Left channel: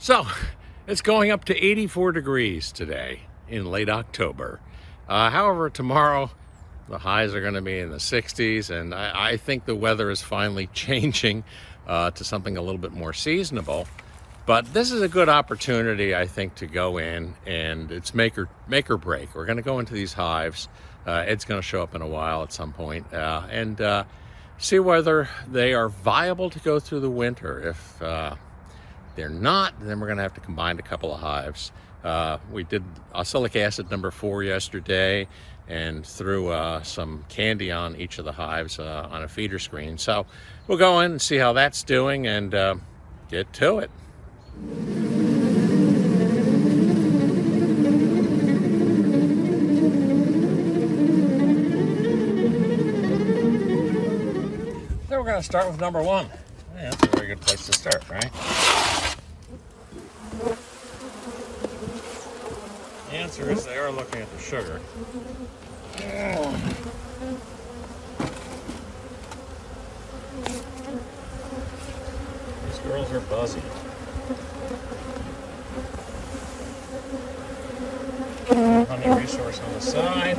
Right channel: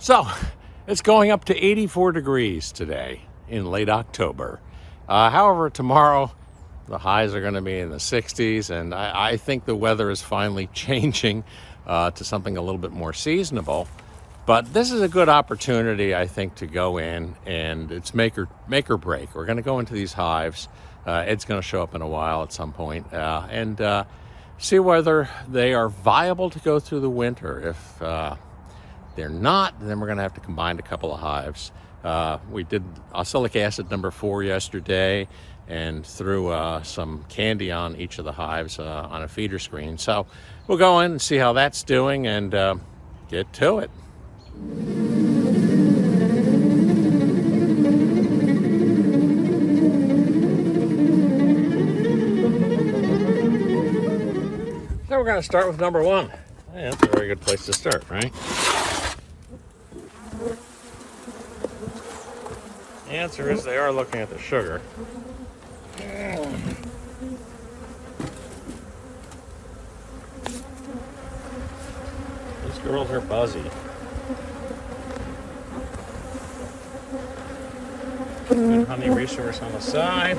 So it's going up to 84 degrees today in late October. However, tomorrow the highs are going to be in the 60s, and I think the weather is finally changing to something a little bit more seasonable. But this is a good opportunity, I think, to go in, and it's make or break. We're going to go into these hives. Ed's going to show up in a while at some point, and see whether they are viable to go through the winter. If they're not, then we're going to have to combine a couple of hives. We did oxalic acid number 4 yesterday and threw some candy on each of the hives on a feeder screen. So we'll go in and see how that's doing and get to it. So we're going to start with number 1. Yeah, that's a very good place to start, right? The answer is they are looking at the sugar. These girls are buzzy. Honey resource on the side.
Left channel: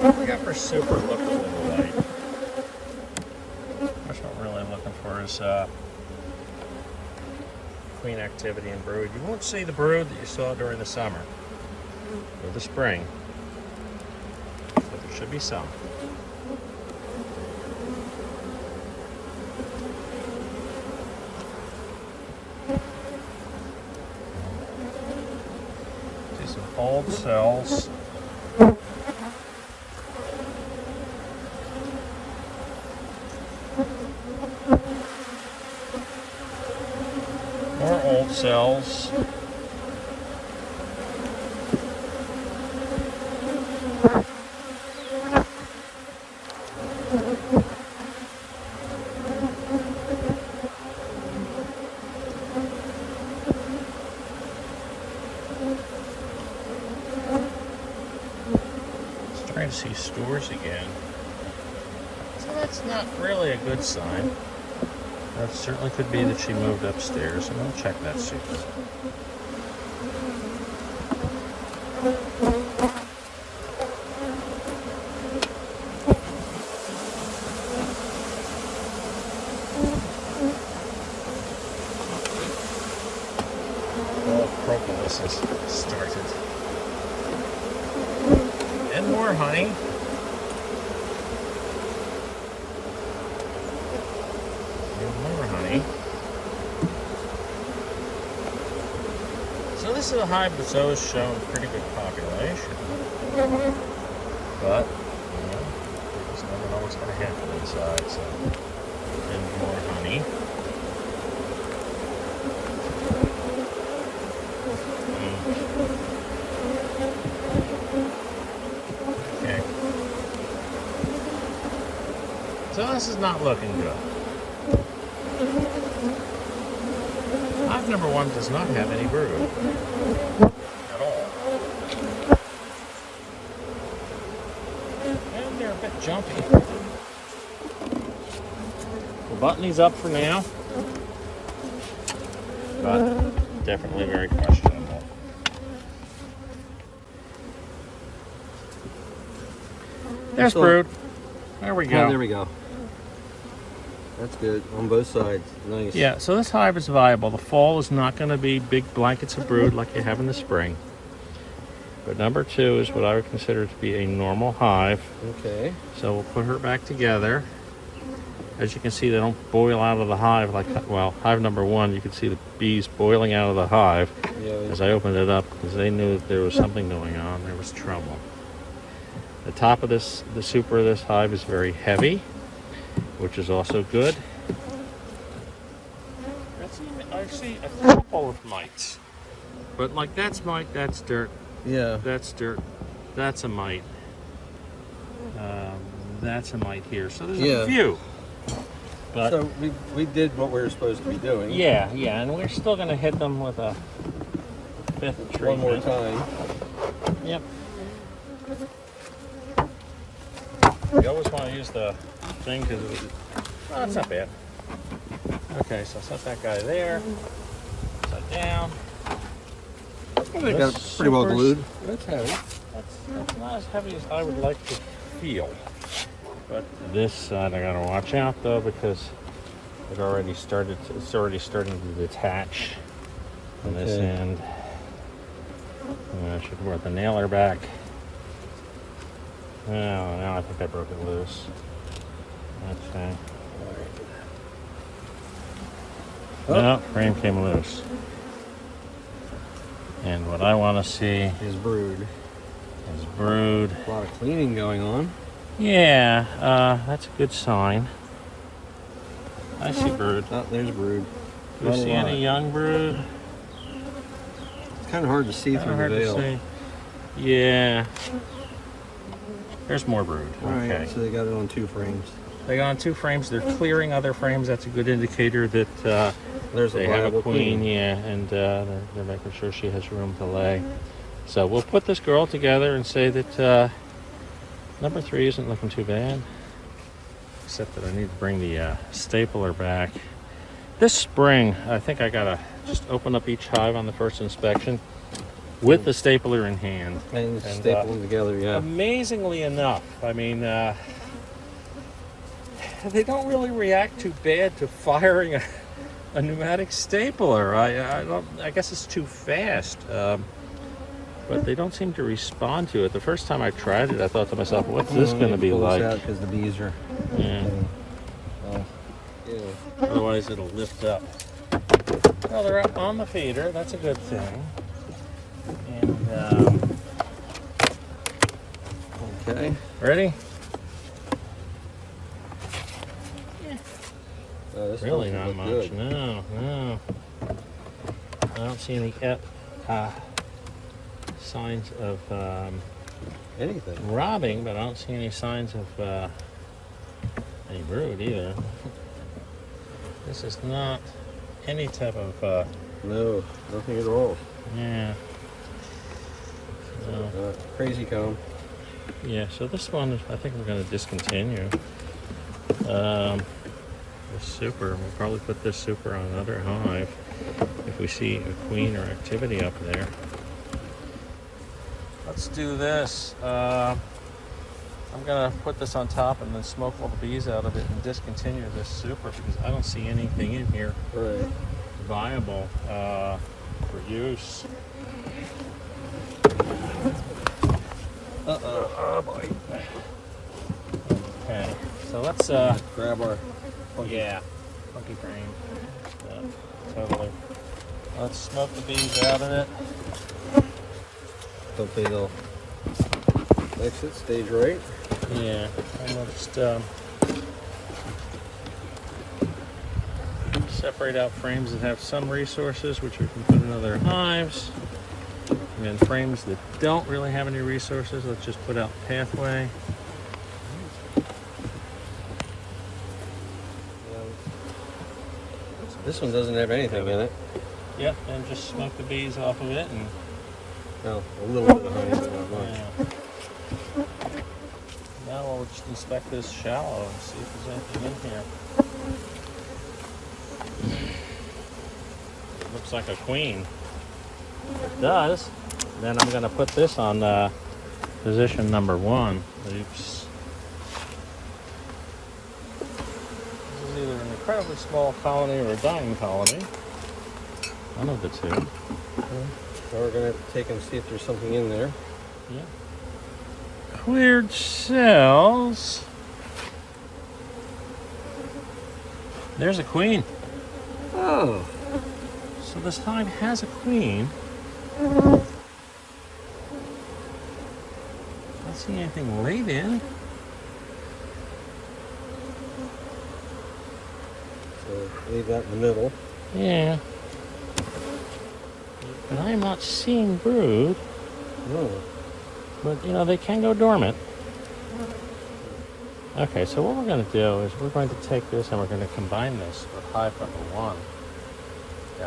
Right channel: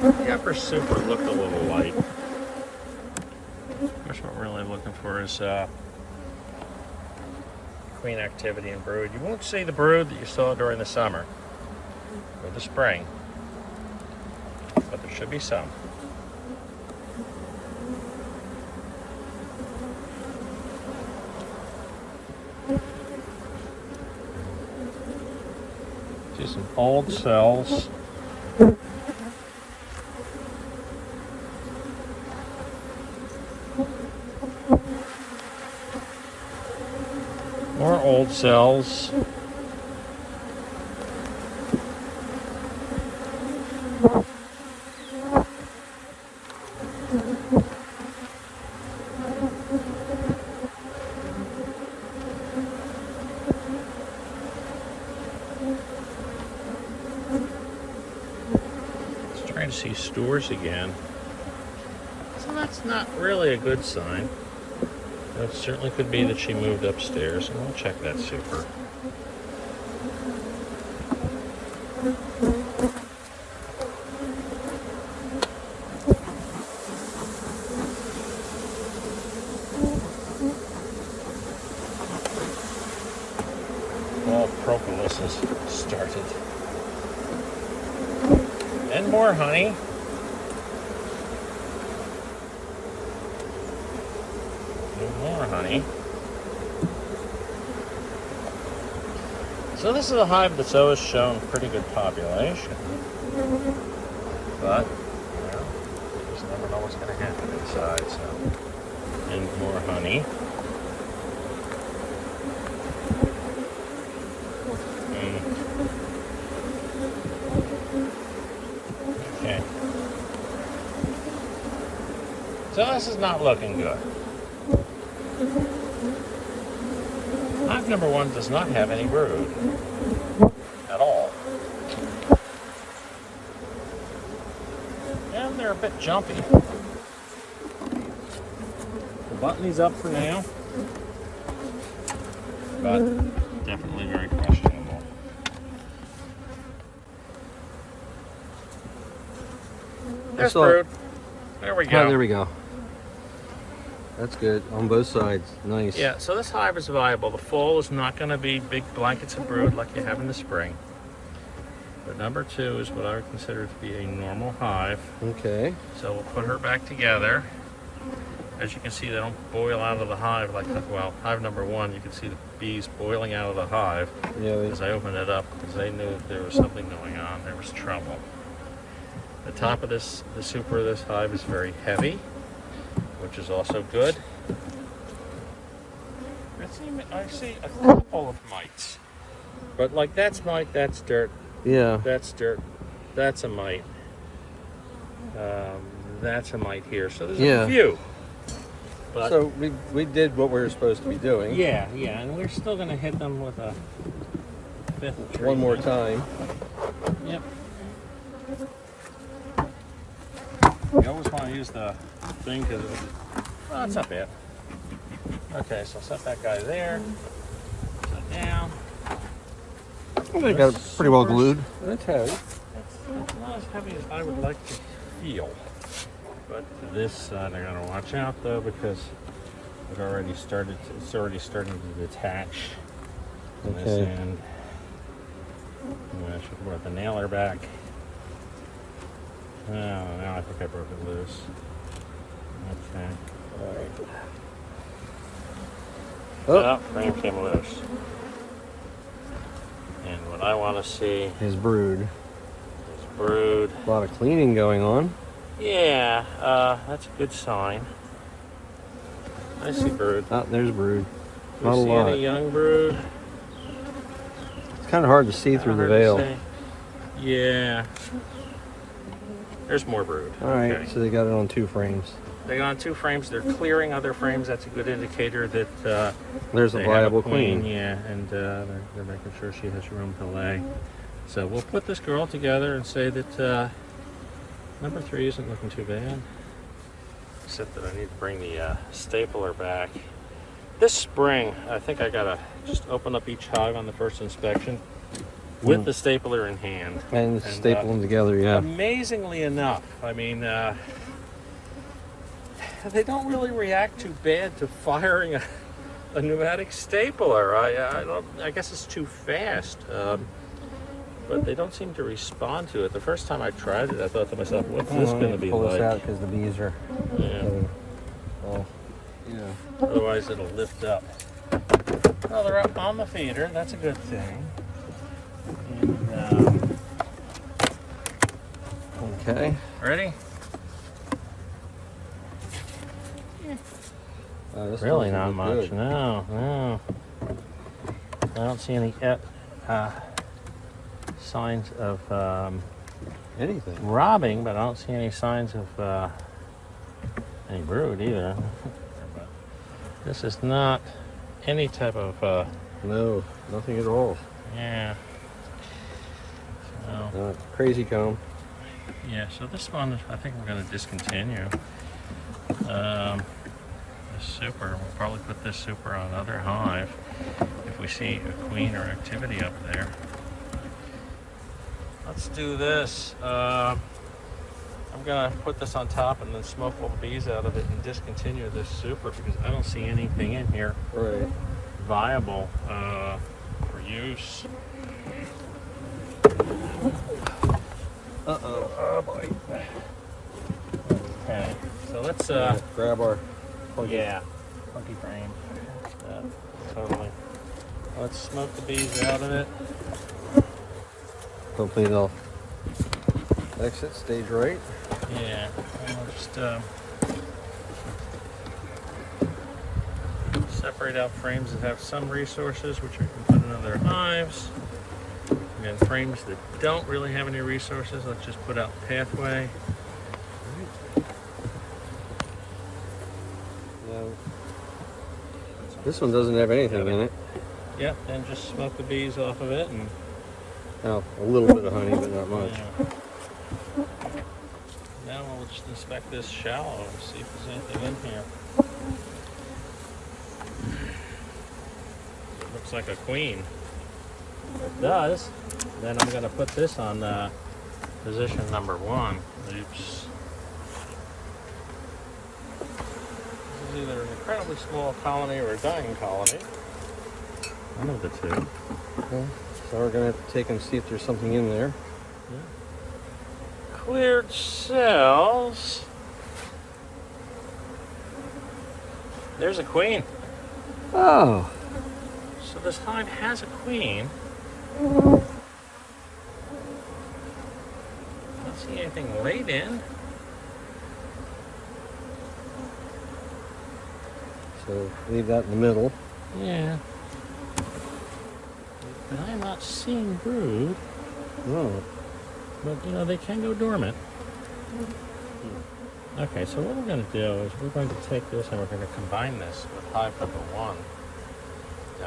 The upper super looked a little light. What we're really looking for is queen activity and brood. You won't see the brood that you saw during the summer or the spring, but there should be some. See some old cells. More old cells. Just trying to see stores again. So that's not really a good sign. That certainly could be that she moved upstairs, and we'll check that super. Well, propolis has started. And more honey. More honey. So this is a hive that's always shown pretty good population. But, you know, you just never know what's going to happen inside, so. And more honey. Okay. So this is not looking good. Hive number 1 does not have any brood at all. And they're a bit jumpy. We'll button these up for now, but definitely very questionable. There's brood. There we go. Oh, there we go. That's good on both sides. Nice. Yeah, so this hive is viable. The fall is not going to be big blankets of brood like you have in the spring. But number 2 is what I would consider to be a normal hive. Okay. So we'll put her back together. As you can see, they don't boil out of the hive like that. Well, hive number 1, you can see the bees boiling out of the hive as I opened it up because they knew that there was something going on. There was trouble. The top of the super of this hive is very heavy, which is also good. I see a couple of mites, but like that's mite, that's dirt. Yeah. That's dirt. That's a mite. That's a mite here. So there's a few. But so we did what we were supposed to be doing. Yeah, and we're still going to hit them with a 5th treatment. One more time. Yep. You always want to use the thing because that's not bad. Okay, so set that guy there. down. They got it pretty well glued. It's heavy. That's not as heavy as I would like to feel. But this side I gotta watch out though, because it's already starting to detach on this end. I should brought the nailer back. Oh, now I think I broke it loose. Okay. Nope, frame came loose. And what I want to see Is brood. is brood. A lot of cleaning going on. Yeah, that's a good sign. I see brood. There's brood. You see any young brood? It's kind of hard to see through the veil. Yeah. There's more brood. Alright, Okay. so they got it on 2 frames. They got on 2 frames. They're clearing other frames. That's a good indicator that There's they have a queen. Yeah, and they're making sure she has room to lay. So we'll put this girl together and say that number 3 isn't looking too bad. Except that I need to bring the stapler back. This spring, I think I gotta just open up each hive on the first inspection with the stapler in hand. And staple them together, yeah. Amazingly enough, I mean, they don't really react too bad to firing a pneumatic stapler. I guess it's too fast. But they don't seem to respond to it. The first time I tried it, I thought to myself, what's this going to be pull like? this out because the bees are. Oh, yeah. Otherwise, it'll lift up. Well, they're up on the feeder. That's a good thing. And Okay. ready? This Really doesn't not look much. good. No. I don't see any signs of Anything. robbing, but I don't see any signs of any brood either. This is not any type of No, nothing at all. yeah. No. Crazy comb. Yeah, so this one I think we're going to discontinue. This super, we'll probably put this super on another hive if we see a queen or activity up there. Let's do this. I'm going to put this on top and then smoke all the bees out of it and discontinue this super because I don't see anything in here viable for use. Oh boy. Okay, so let's grab our. yeah, funky frame. Totally. Let's smoke the bees out of it. Hopefully they'll exit stage right. Yeah, and we'll just separate out frames that have some resources, which we can put in other hives. And then frames that don't really have any resources, let's just put out the pathway. This one doesn't have anything in it. Yep, and just smoke the bees off of it and Oh, a little bit of honey, but not much. yeah. Now we'll just inspect this shallow and see if there's anything in here. Looks like a queen. It does. Then I'm going to put this on position number 1. Oops. This is either an incredibly small colony or a dying colony. One of the two. So we're going to take and see if there's something in there. Yeah. Cleared cells. There's a queen. Oh. So this hive has a queen. Don't see anything laid in. So leave that in the middle. Yeah. And I'm not seeing brood, No. but you know, they can go dormant. Okay, so what we're going to do is we're going to take this and we're going to combine this with hive number 1.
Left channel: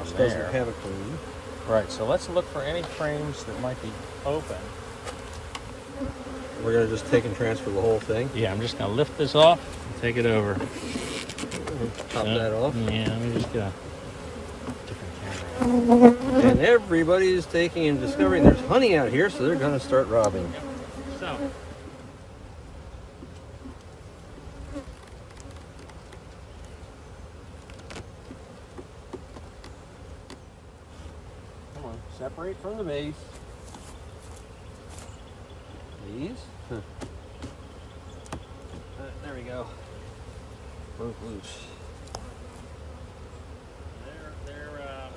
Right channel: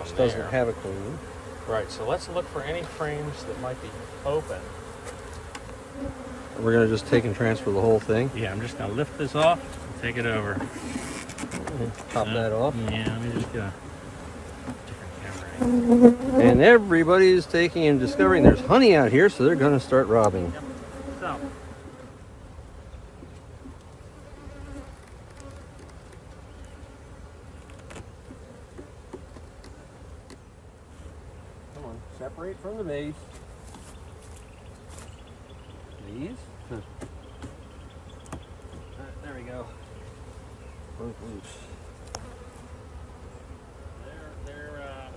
Which Down doesn't there. have a queen. Right, so let's look for any frames that might be open. We're going to just take and transfer the whole thing. Yeah, I'm just going to lift this off and take it over. Pop that off. Yeah, let me just get a different camera And everybody is taking and discovering there's honey out here, so they're going to start robbing. Yep. So. Come on, separate from the base. These. There we go. Broke loose.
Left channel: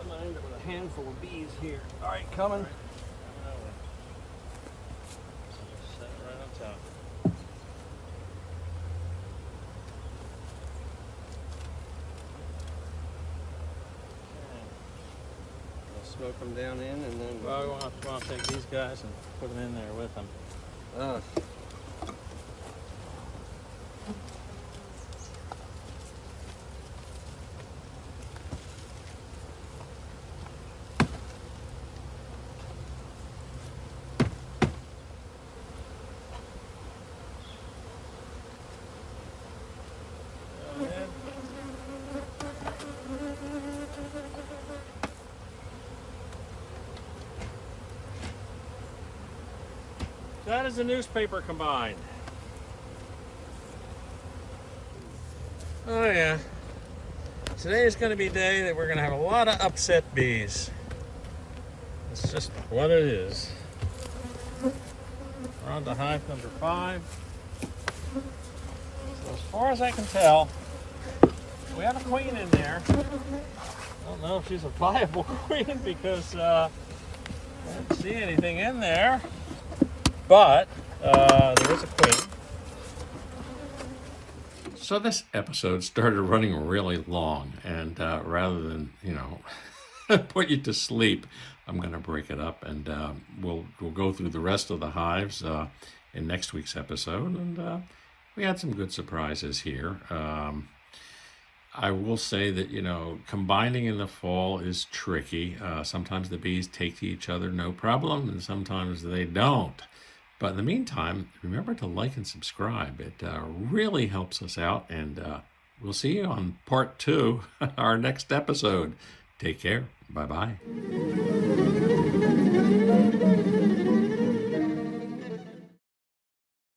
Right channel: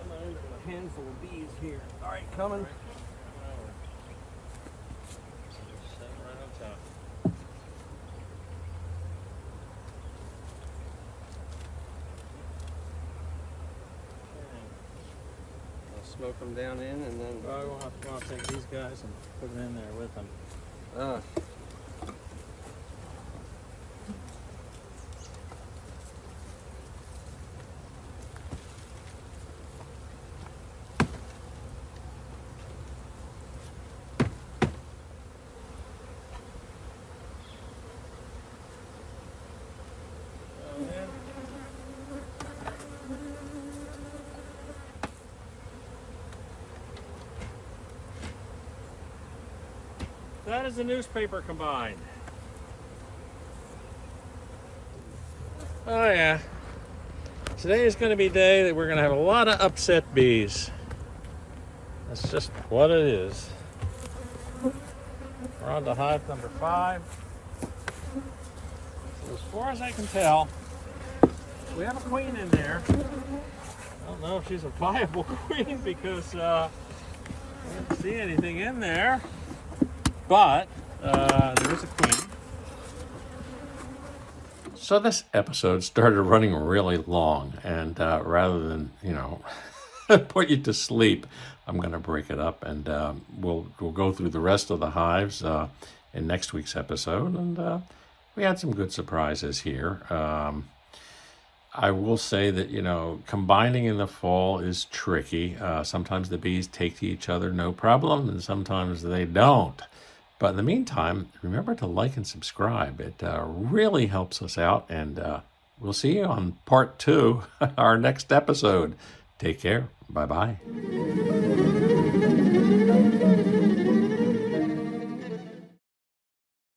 I'm gonna end up with a handful of bees here. All right, coming. Coming over. So just set it right on top. I'll smoke them down in, and then. Well, we'll have to take these guys and put them in there with them. That is the newspaper combined. Oh yeah. Today is going to be a day that we're going to have a lot of upset bees. That's just what it is. We're on to hive number 5. So as far as I can tell, we have a queen in there. I don't know if she's a viable queen because I didn't see anything in there. But there is a queen. So this episode started running really long, and rather than put you to sleep, I'm going to break it up, and we'll go through the rest of the hives in next week's episode. And we had some good surprises here. I will say that combining in the fall is tricky. Sometimes the bees take to each other no problem, and sometimes they don't. But in the meantime, remember to like and subscribe. It really helps us out, and we'll see you on part 2, our next episode. Take care. Bye-bye.